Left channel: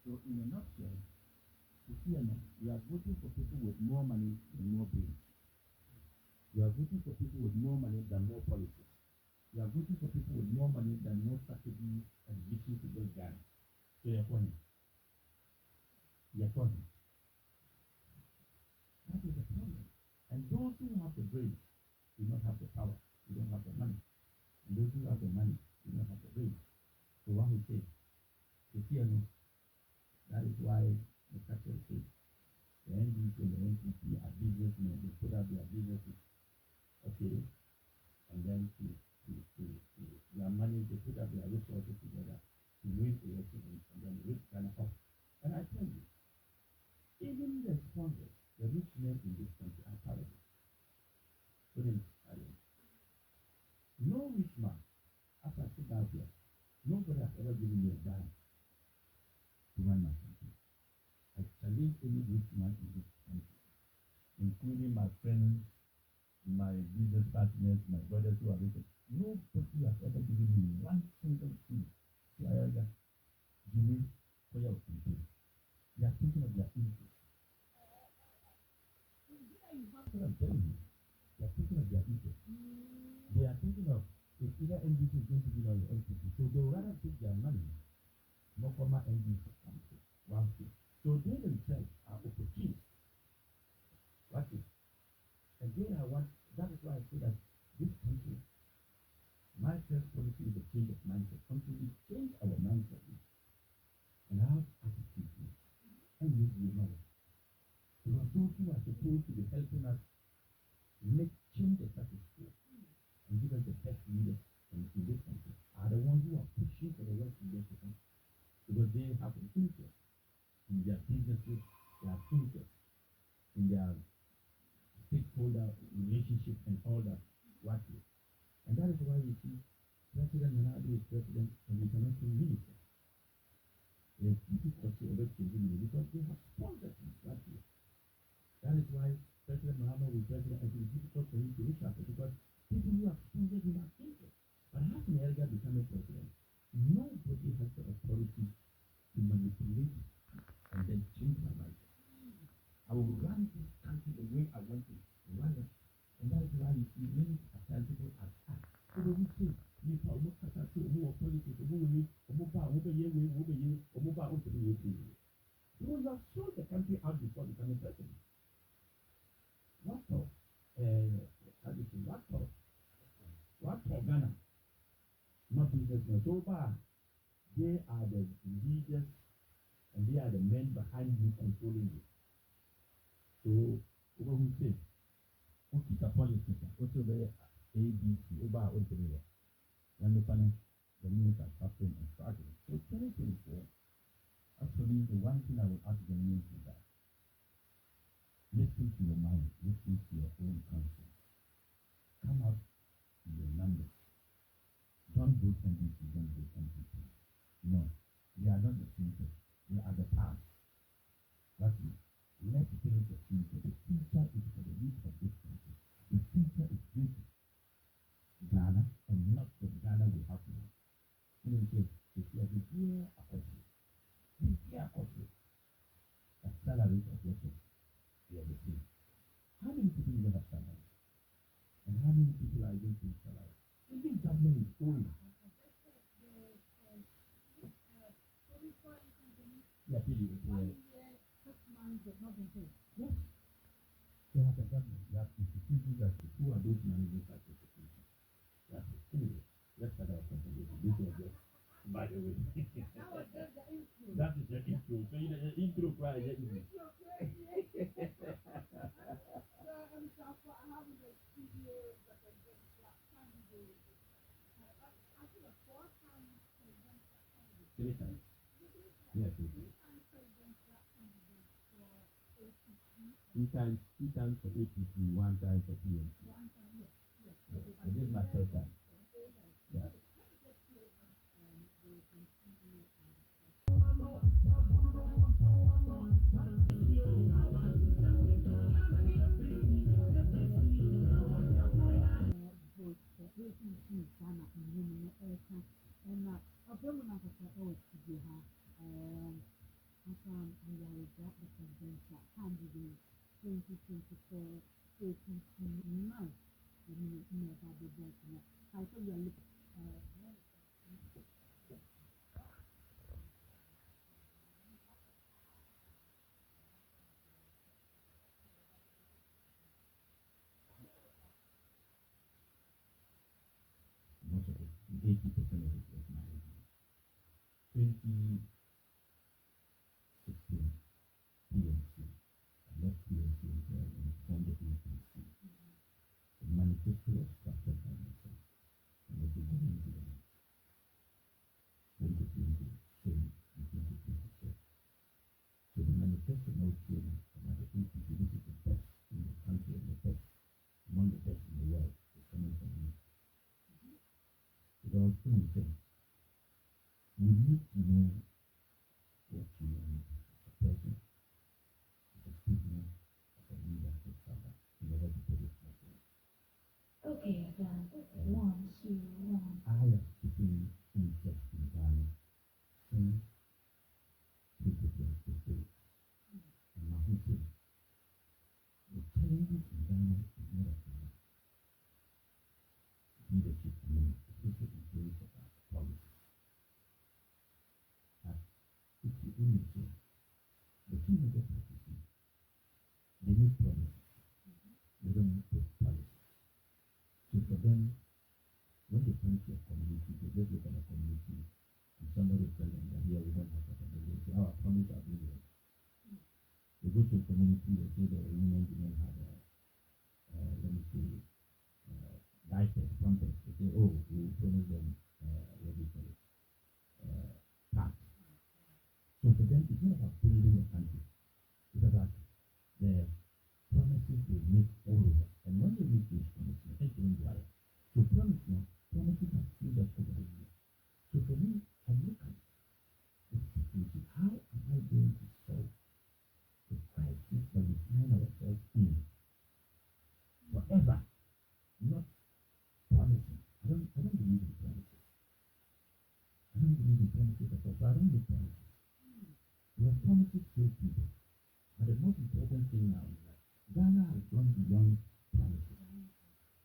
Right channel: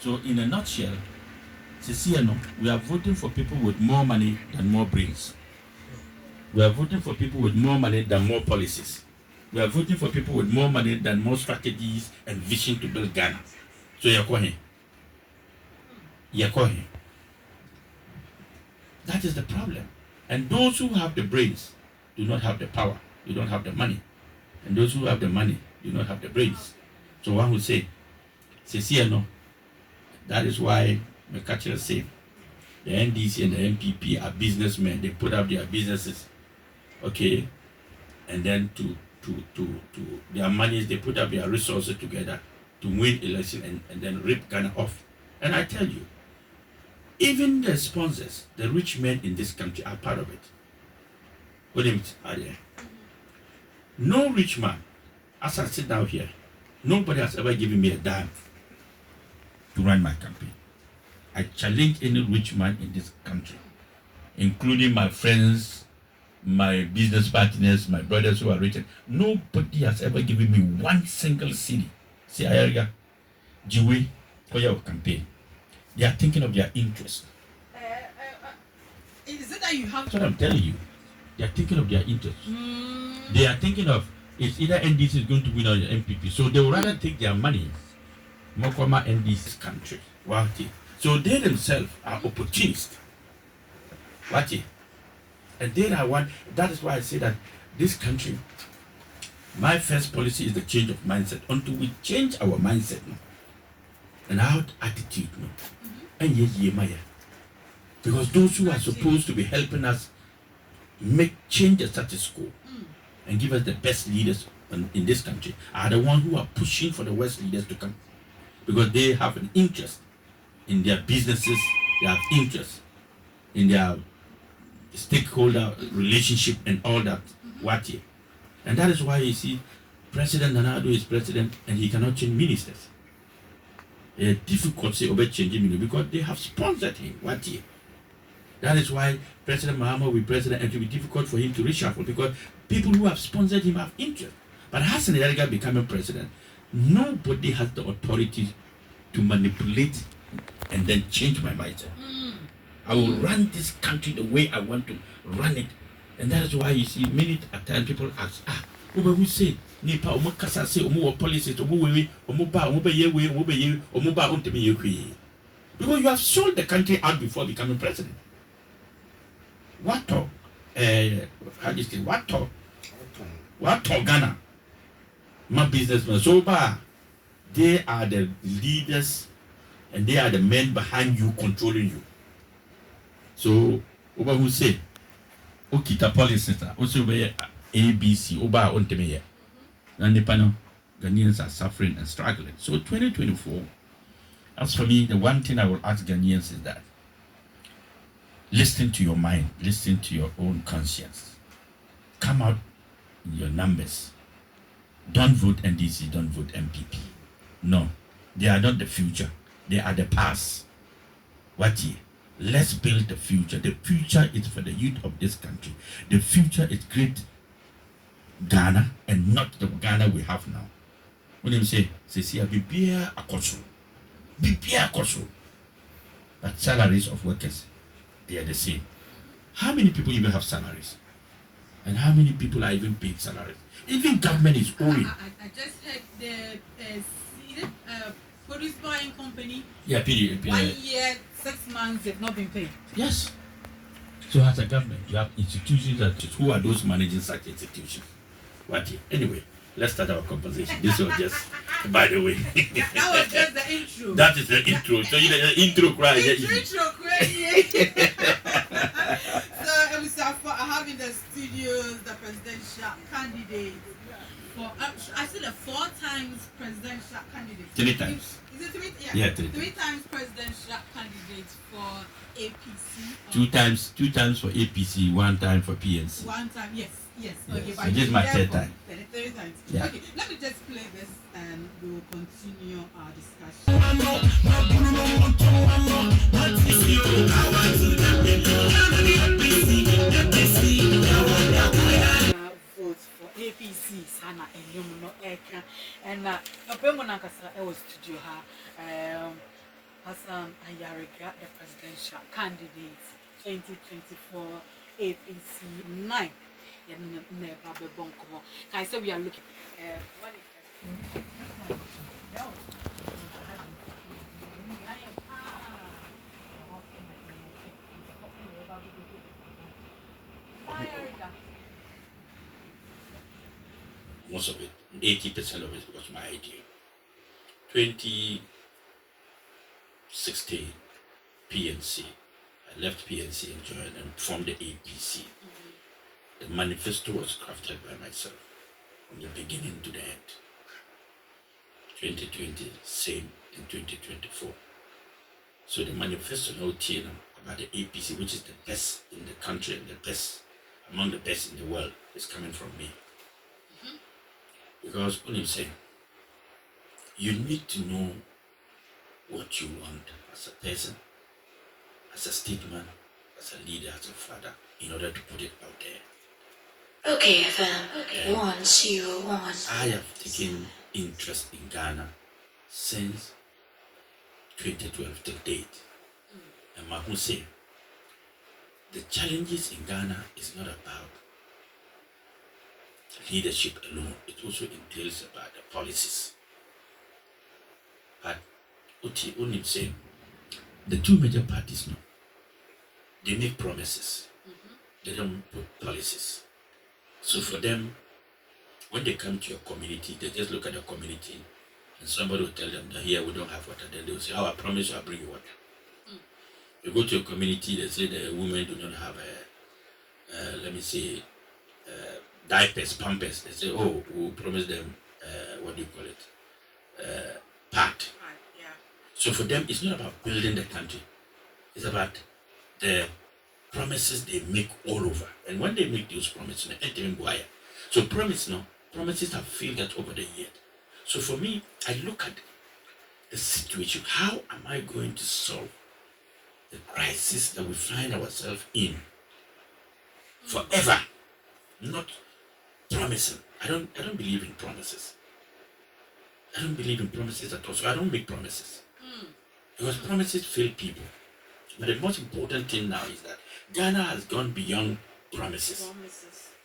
So in a nutshell, Sisiano, we are voting for people with more money than more brains. We are voting for people with more money than more policies. We are voting for people with more money than more strategies and vision to build Ghana. So Yakohe. That is the problem. And those who have the brains do not have the power. They don't have the money. And those who have the money do not have the brains. So one would say, Sisiano, that is why McCutcheon say the NDC and the MPP are businessmen. They put up their businesses, okay, and then to their monies, they put up their resources together to win election and then rip Ghana off. And I tell you, even the sponsors, the rich men in this country are part of it. What do you mean? No rich man, as I sit down here, nobody has ever given me a dime to run my campaign. I challenge any rich man in this country, including my friends, my business partners, my brothers who are rich. Nobody has ever given me one single city. See, Ayaga, Jiwe, for your campaign. They are thinking of their interest. Is it that you have? That's what I'm telling you. They are thinking of their interest. They are thinking of it's either NDC is going to win or the MPP. So they would rather take their money, Mokoma NDC's country. So they themselves are opportunists. And they are one. That is why I say that this country, my first policy is the change of mindset. Until we change our mindset and our attitude, because those who are supposed to be helping us change the status quo and give us the best leaders in this country are the ones who are pushing for the worst leaders to come, because they have an interest in their businesses, they have interest in their stakeholder relationship and all that. And that is why you see President Nana Addo is president and he cannot change ministers. It's difficult to say about changing ministers because they have sponsored him. That is why President Mahama will be president, and it will be difficult for him to reshuffle because people who have sponsored him have interest. But Hassan Yariga becoming president, nobody has the authority to manipulate and then change my mindset. I will run this country the way I want to run it. And that is why you see many times people ask, who say, Nipa, Omokasa say, Omo policies, because you have sold the country out before becoming president. What talk? How do you say? What talk? Ghana? My businessmen. So they are the leaders and they are the men behind you, controlling you. So, Oba who say, Okita policy, also be ABC, Oba on Temeye. And the panel, Ghanaians are suffering and struggling. So, 2024, as for me, the one thing I will ask Ghanaians is that listen to your mind, listen to your own conscience. Come out in your numbers. Don't vote NDC, don't vote MPP. No, they are not the future. They are the past. Let's build the future. The future is for the youth of this country. The future is great Ghana and not the Ghana we have now. When you say, Bibia Akoso. But salaries of workers, they are the same. How many people even have salaries? And how many people are even paid salaries? Even government is owing. I just heard the produce buying company. Yeah, period. 1 year, 6 months, they've not been paid. Yes. So as a government, you have institutions who are those managing such institutions. Anyway, let's start our conversation. This was just, by the way. That was just the intro. That is the intro. So you the intro cry. Intro So I have in the studios the presidential candidate for I said 4 times presidential candidate. 3 times. Is it 3? Yeah, 3 times presidential candidate for2 APC. 2 times for APC, 1 time for PNC. 1 time, yes. Okay, so this is my 3rd time. 3rd time. Yeah. Okay, let me just play this and we will continue our discussion. Vote for APC sana enyum no eka and Opemo Nankasa was studio ha John Ayariga, the presidential candidate, 2024 APC 9. I said we are looking. What is that? Most of it, 80% of it was my idea. 2016, PNC. I left PNC and joined and formed the APC. The manifesto was crafted by myself from the beginning to the end. 2020, same in 2024. So the manifesto now about the APC, which is the best in the country and the best among the best in the world, is coming from me. Because when you say, you need to know what you want as a person, as a statesman, as a leader, as a father, in order to put it out there. Okay, FM. Okay. 101. I have taken interest in Ghana since 2012 to date. And Mahu say, the challenges in Ghana is not about leadership alone. It also entails about the policies. But Uti Unim say, the two major parties now, they make promises. They don't put policies. So for them, when they come to your community, they just look at the community and somebody will tell them that here we don't have water. Then they will say, I promise you I'll bring you water. You go to a community, they say the women do not have diapers, pampers. They say, oh, we'll promise them, pad. Yeah. So for them, it's not about building the country. It's about the promises they make all over. And when they make those promises, so promises have failed that over the years. So for me, I look at the situation. How am I going to solve the crisis that we find ourselves in forever? Not promising. I don't believe in promises. I don't believe in promises at all. So I don't make promises. Because promises fail people. But the most important thing now is that Ghana has gone beyond promises.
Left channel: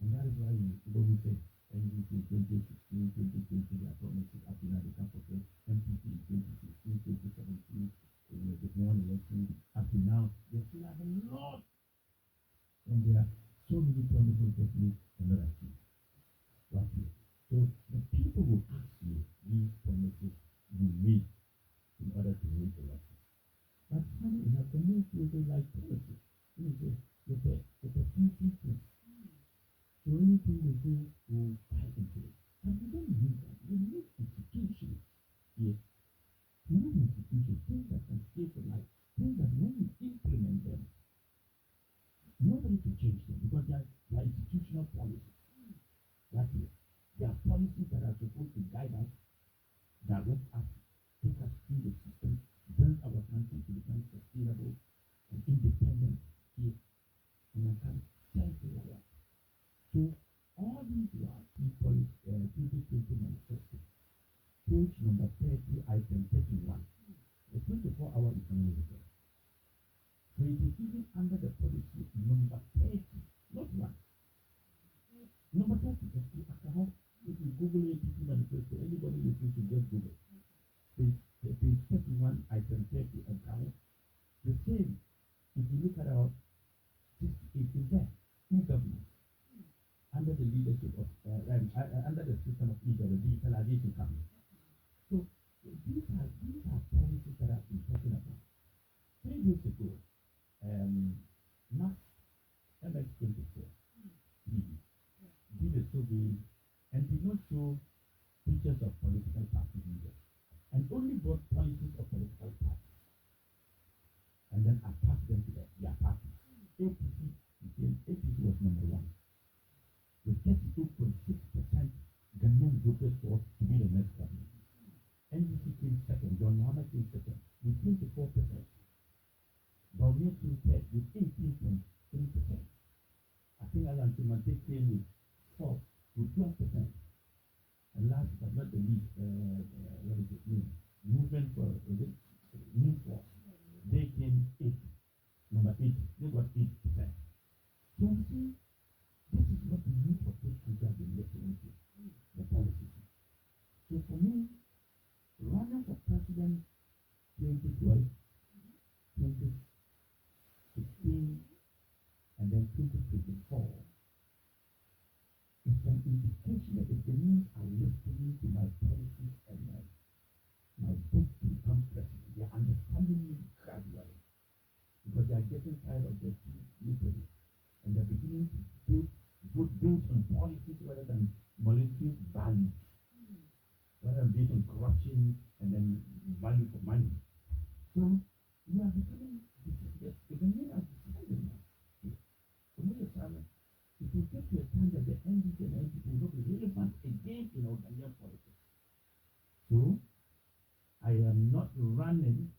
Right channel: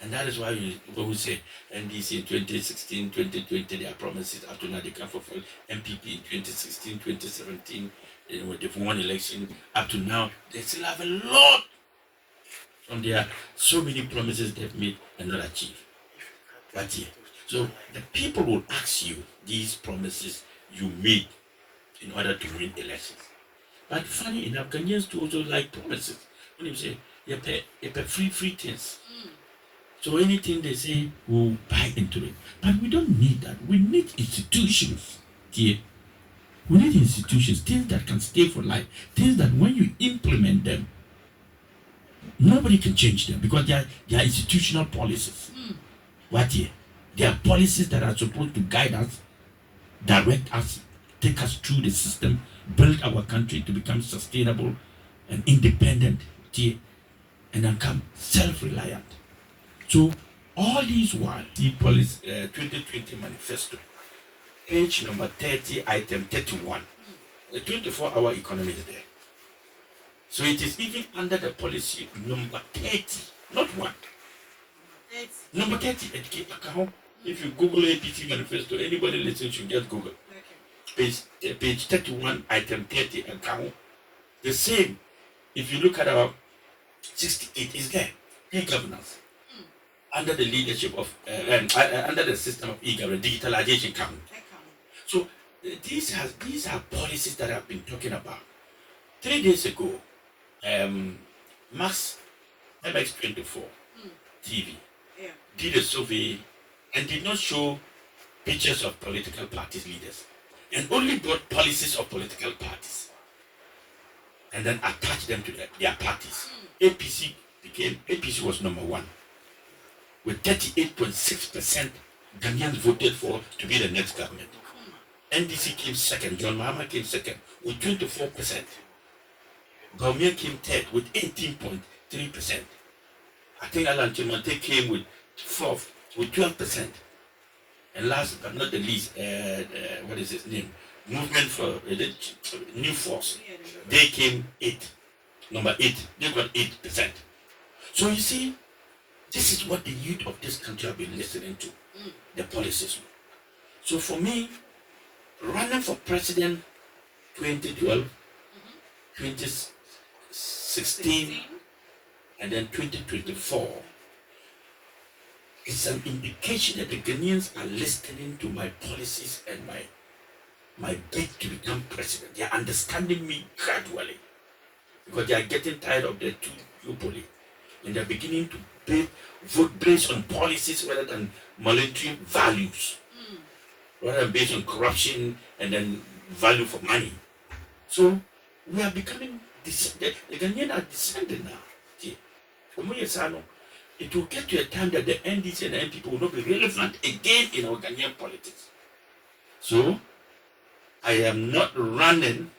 And that is why when we say NDC in 2016, 2020, their promises up to now they can't fulfill. MPP in 2016, 2017, when they've won election, up to now, they still have a lot from there. So many promises they've made and not achieved. But yeah. So the people will ask you these promises you made in order to win elections. But funny enough, Ghanaians too also like promises. When you say you pay free things. So anything they say, we'll buy into it. But we don't need that. We need institutions. Yeah. We need institutions, things that can stay for life, things that when you implement them, nobody can change them because they are institutional policies. What here? They are policies that are supposed to guide us, direct us, take us through the system, build our country to become sustainable and independent, yeah, and then become self-reliant. So all these while, the policy 2020 manifesto, page number 30, item 31, the 24-hour economy is there. So it is even under the policy number 30, not 1. Number 30, if you Google APC manifesto, anybody listening should just Google. Page 31, item 30, account. The same, if you look at our 68, is there. E-governance. Under the leadership of, under the system of e-government, digitalization count. So these are policies that I've been talking about. 3 days ago, Max MX24 TV did a survey and did not show pictures of political parties leaders and only brought policies of political parties and then attached them to their parties. APC was number 1. With 38.6% Ghanaians voted for to be the next government. NDC came second, John Mahama came second with 24%. Bawumia came third with 18.3%. I think Alan Chimante came with fourth with 12%. And last but not the least, what is his name? Movement for New Force They came 8. Number 8. They got 8%. So you see, this is what the youth of this country have been listening to. The policies. So for me, running for president 2012, 2016, and then 2024 is an indication that the Ghanaians are listening to my policies and my bid to become president. They are understanding me gradually because they are getting tired of the two duopoly, and they are beginning to vote based on policies rather than monetary values, rather than based on corruption and then value for money. So we are becoming the Ghanaians are descending now. It will get to a time that the NDC and the NPP will not be relevant again in our Ghanaian politics. So I am not running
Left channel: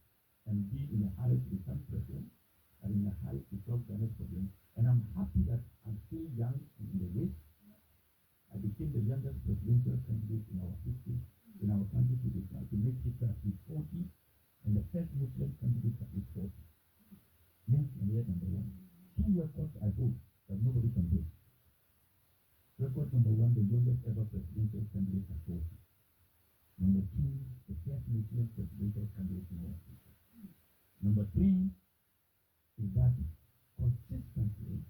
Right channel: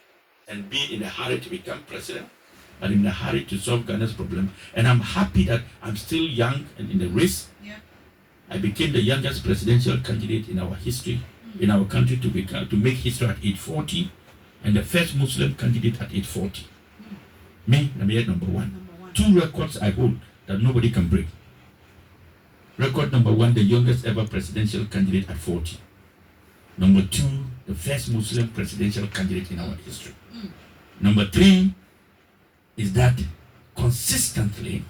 and being in a hurry to become president, but in a hurry to solve Ghana's problem. And I'm happy that I'm still young and in the race. Yeah. I became the youngest presidential candidate in our history, in our country, to make history at age 40, and the first Muslim candidate at age 40. Me, I'm number one. 2 records I hold that nobody can break. Record number 1, the youngest ever presidential candidate at 40. Number 2, the first Muslim presidential candidate in our history. Number 3 is that consistently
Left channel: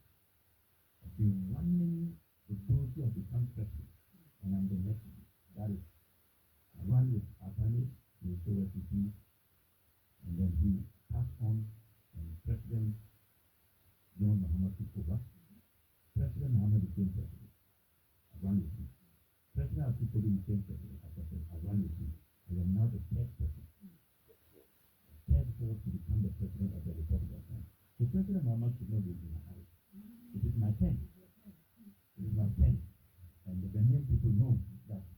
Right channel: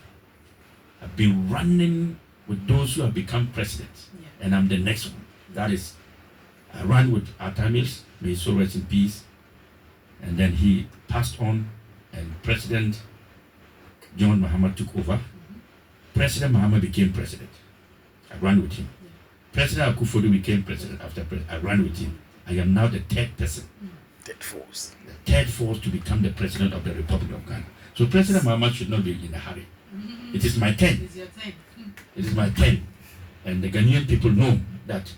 I've been running with those who have become presidents, and I'm the next one. That is, I ran with Atta Mills, may his soul rest in peace, and then he passed on, and President John Mahama took over. President Mahama became president. I ran with him. President Akufo-Addo became president after I ran with him. I am now the third person. Third force. The third force to become the president of the Republic of Ghana. So President Mahama should not be in a hurry. It is my turn. It's your turn. It is my turn. And the Ghanaian people know that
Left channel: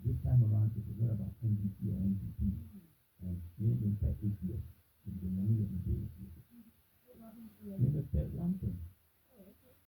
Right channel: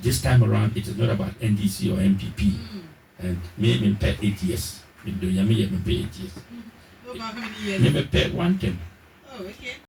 this time around it is not about NDC or MPP. And me pay 8 years. Me pay 8 years. Over how many years? Me pay 1 term. Oh, okay.